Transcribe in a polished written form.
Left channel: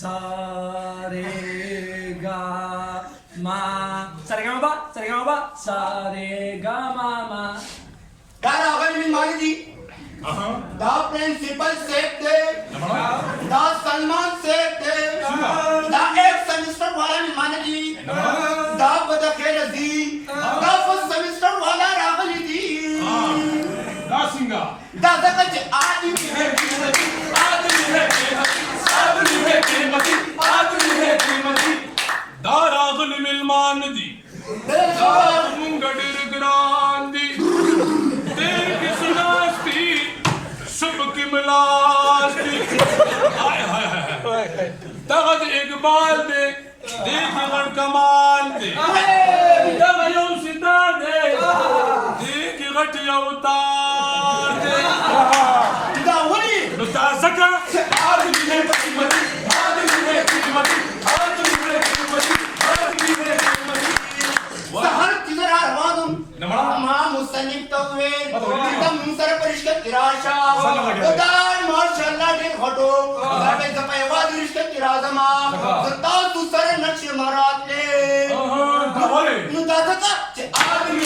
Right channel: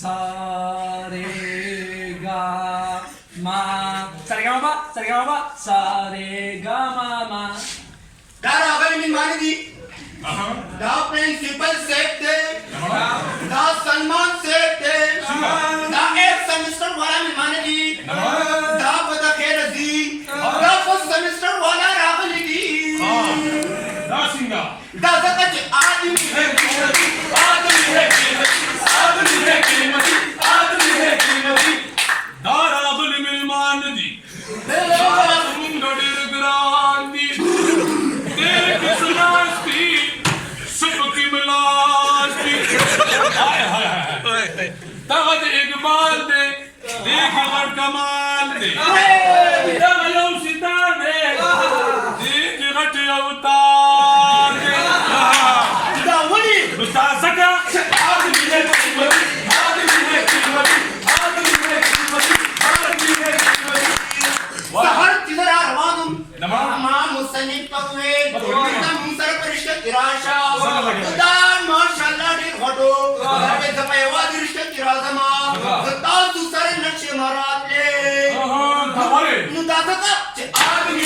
सा रे गा मा सा रे गा मा पा सा रे गा मा पा सा रे गा मा Da ragal min manidi. Da principal sekte. Da Salman sekte. Da ek semester wala min manidi. Da bada khair di. Da first semester wala ragal di. Da singa. Da zakaj aadmi hai कीमती. Aadmi hai कीमती. Aadmi hai कीमती. Aadmi hai कीमती. Da ragul milman di. Mungadir grandi. तेरे की सुनास्ती सबकी मिलास्ती हाय हाय हाय तगद इकबाल दे देख और कमाल दे तग यम सितार दे देख गट अवतार दे Da wali. मुताज़का Aadmi hai कीमती. Aadmi hai कीमती. Aadmi hai कीमती. Aadmi hai कीमती. Sahar tidar arwanum. Tamam musanif tawil. Tam sar parishta irasha. Dan mashallah dir ghato. Zabe zapai wadi rishta irazama. Zatal tu sar naksh marat le. हमारे Nu da zaka. Aadmi